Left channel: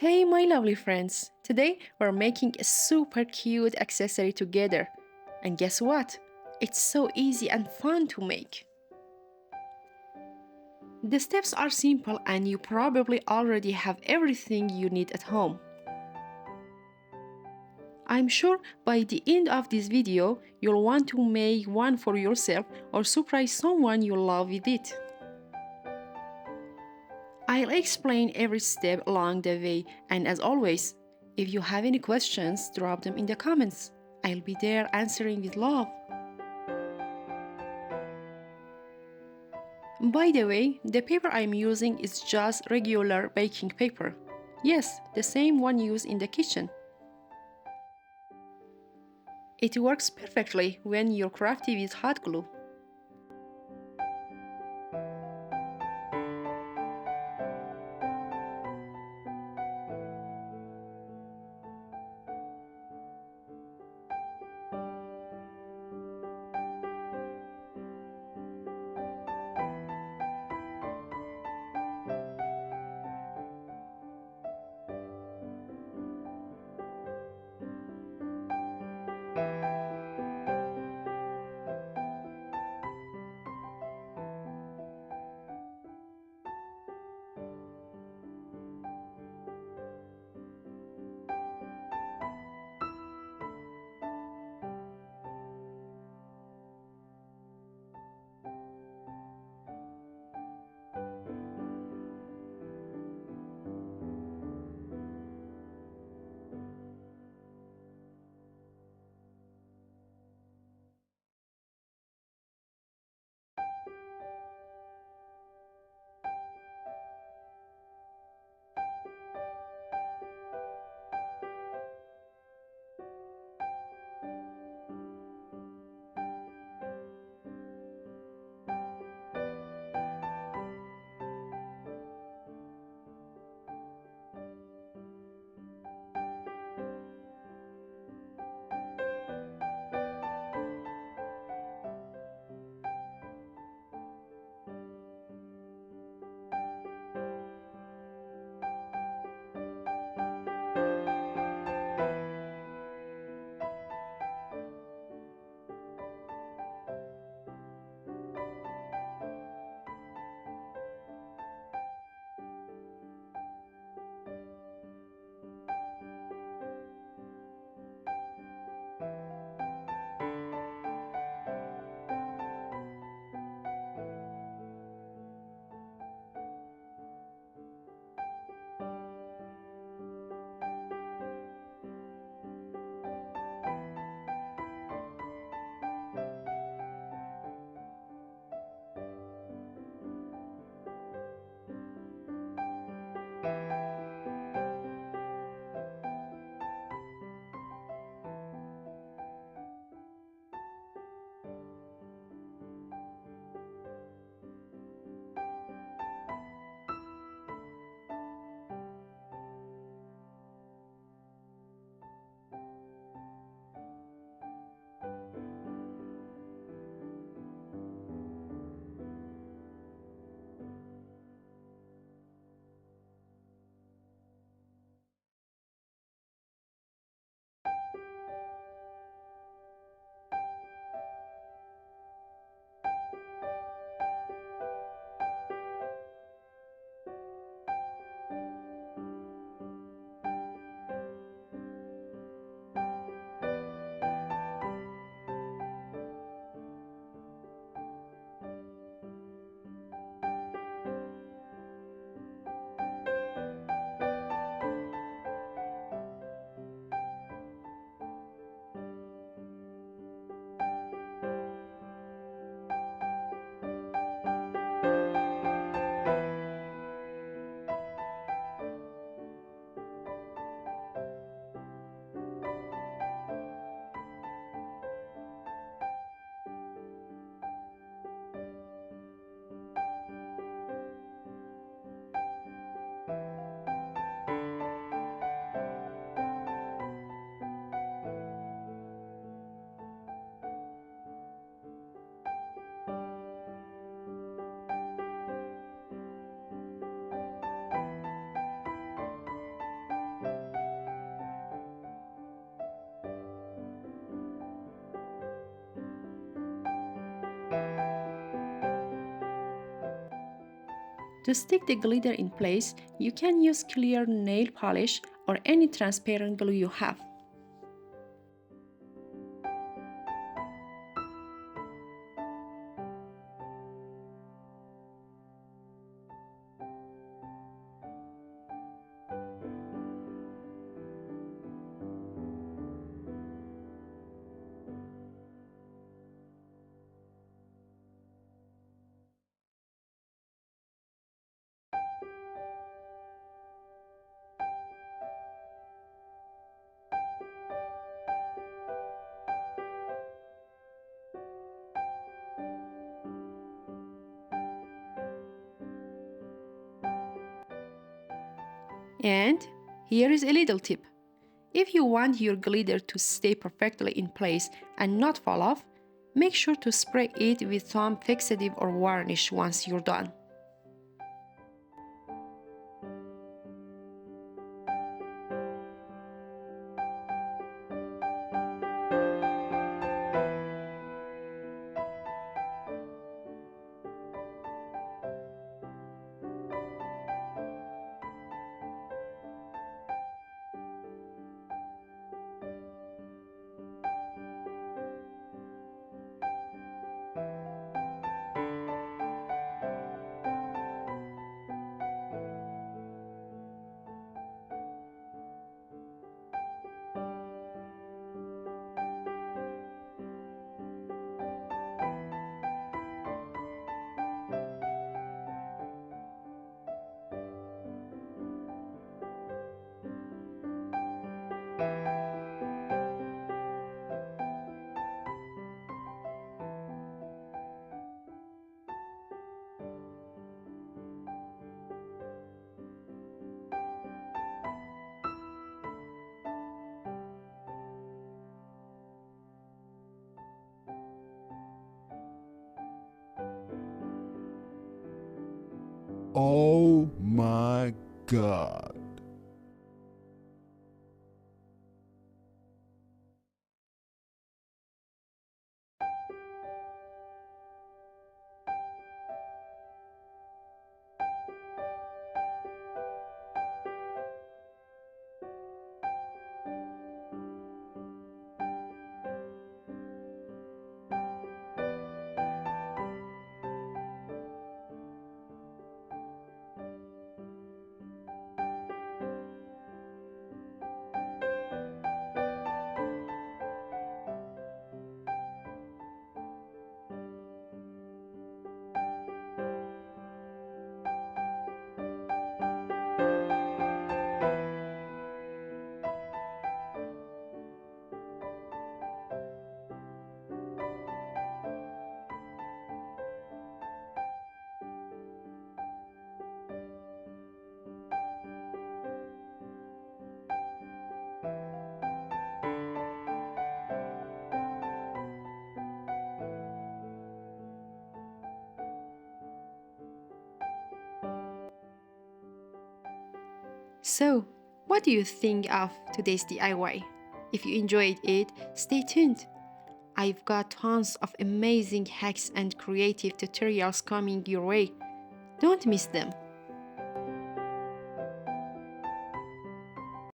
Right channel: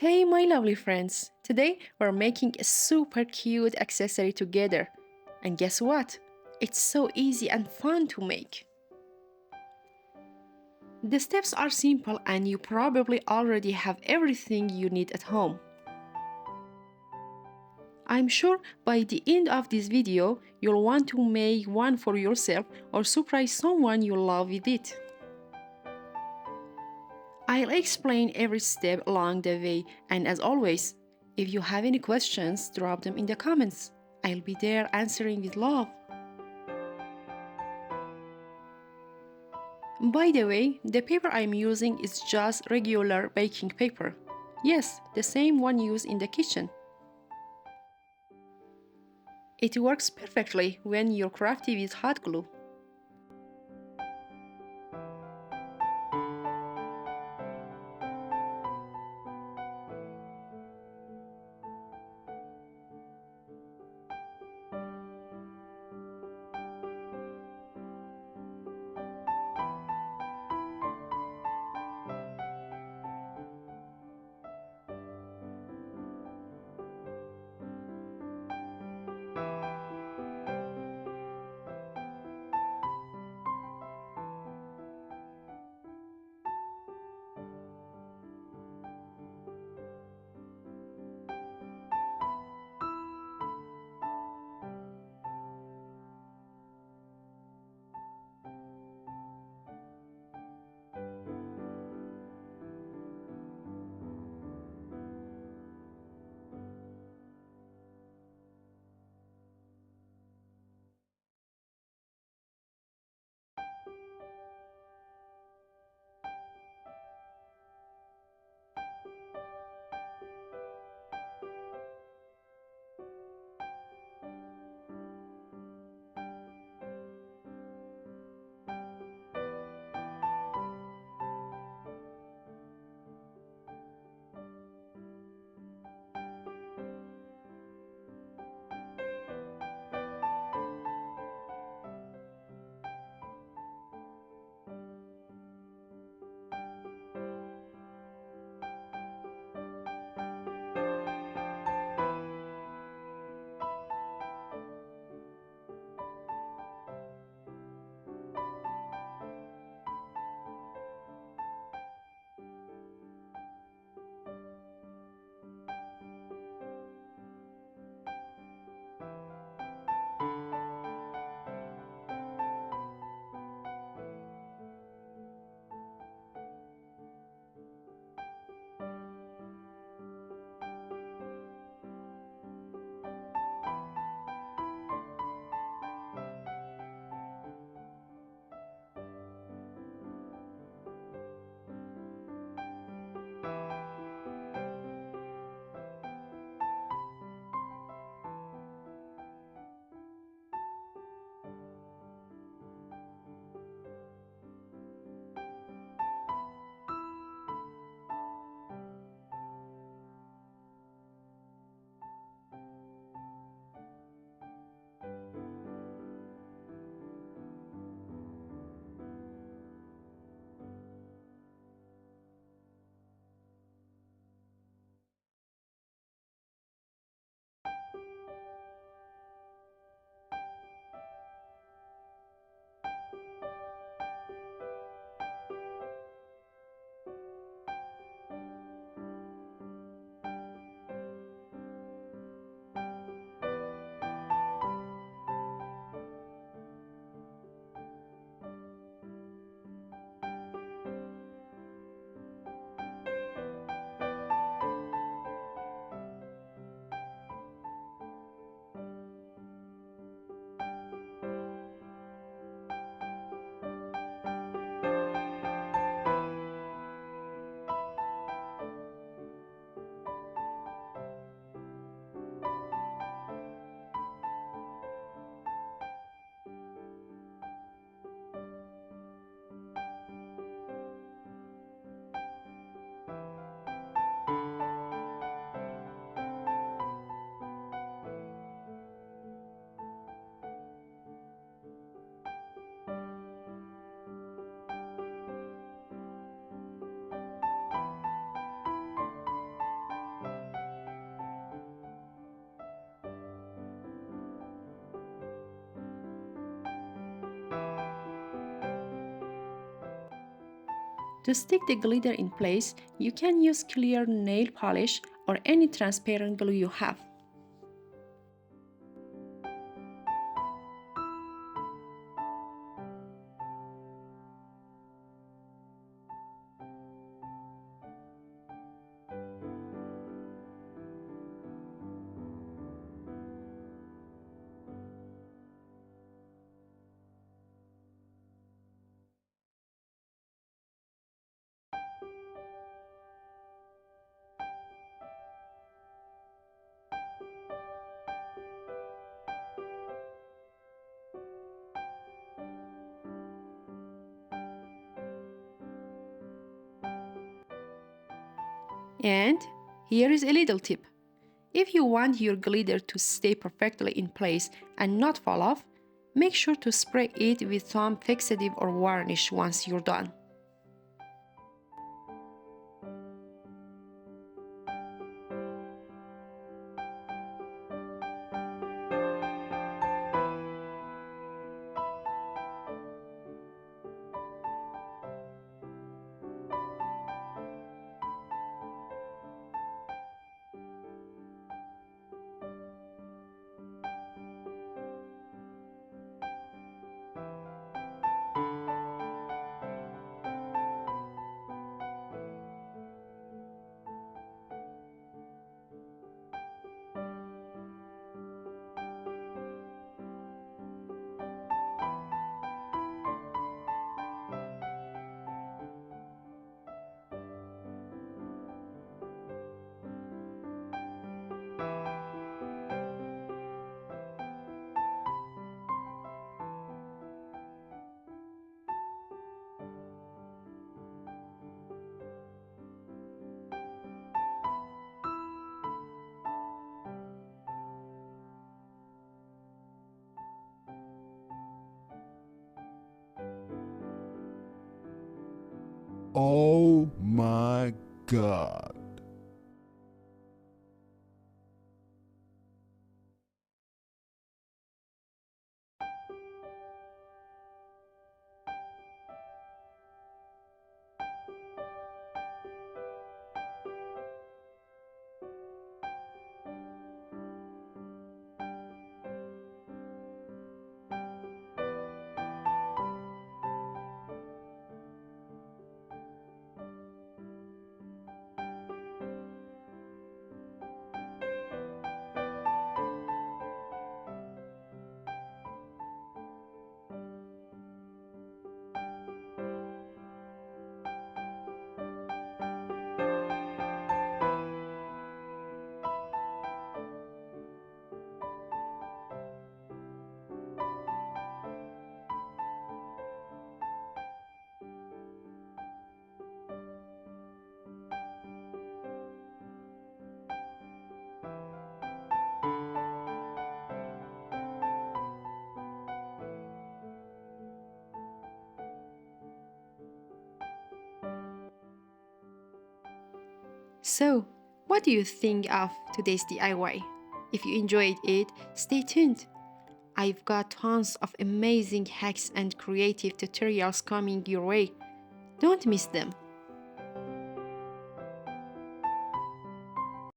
Hey, my lovely friends! Today we're making a super cute accessory together. And guess what? It's so easy and fun to make. The steps are simple, and you probably already have everything you need at home. I'm sure by the end of this video, you'll want to make one for yourself or surprise someone you love with it. I'll explain every step along the way, and as always, if you have any questions, drop them in the comments. I'll be there answering with love. By the way, the paper I'm using is just regular baking paper. Yes, the same one used in the kitchen. It works perfectly when you're crafty with hot glue. To stick the glitter in place, you can use clear nail polish or any transparent glue you have. And here is a little tip. If you want your glitter to stay perfectly in place and not fall off, make sure to spray it with some fixative or varnish once you're done. Oh my God. So, what do you think of today's DIY? If you enjoyed it, stay tuned. I've got tons of amazing hacks and creative tutorials coming your way. Don't miss them.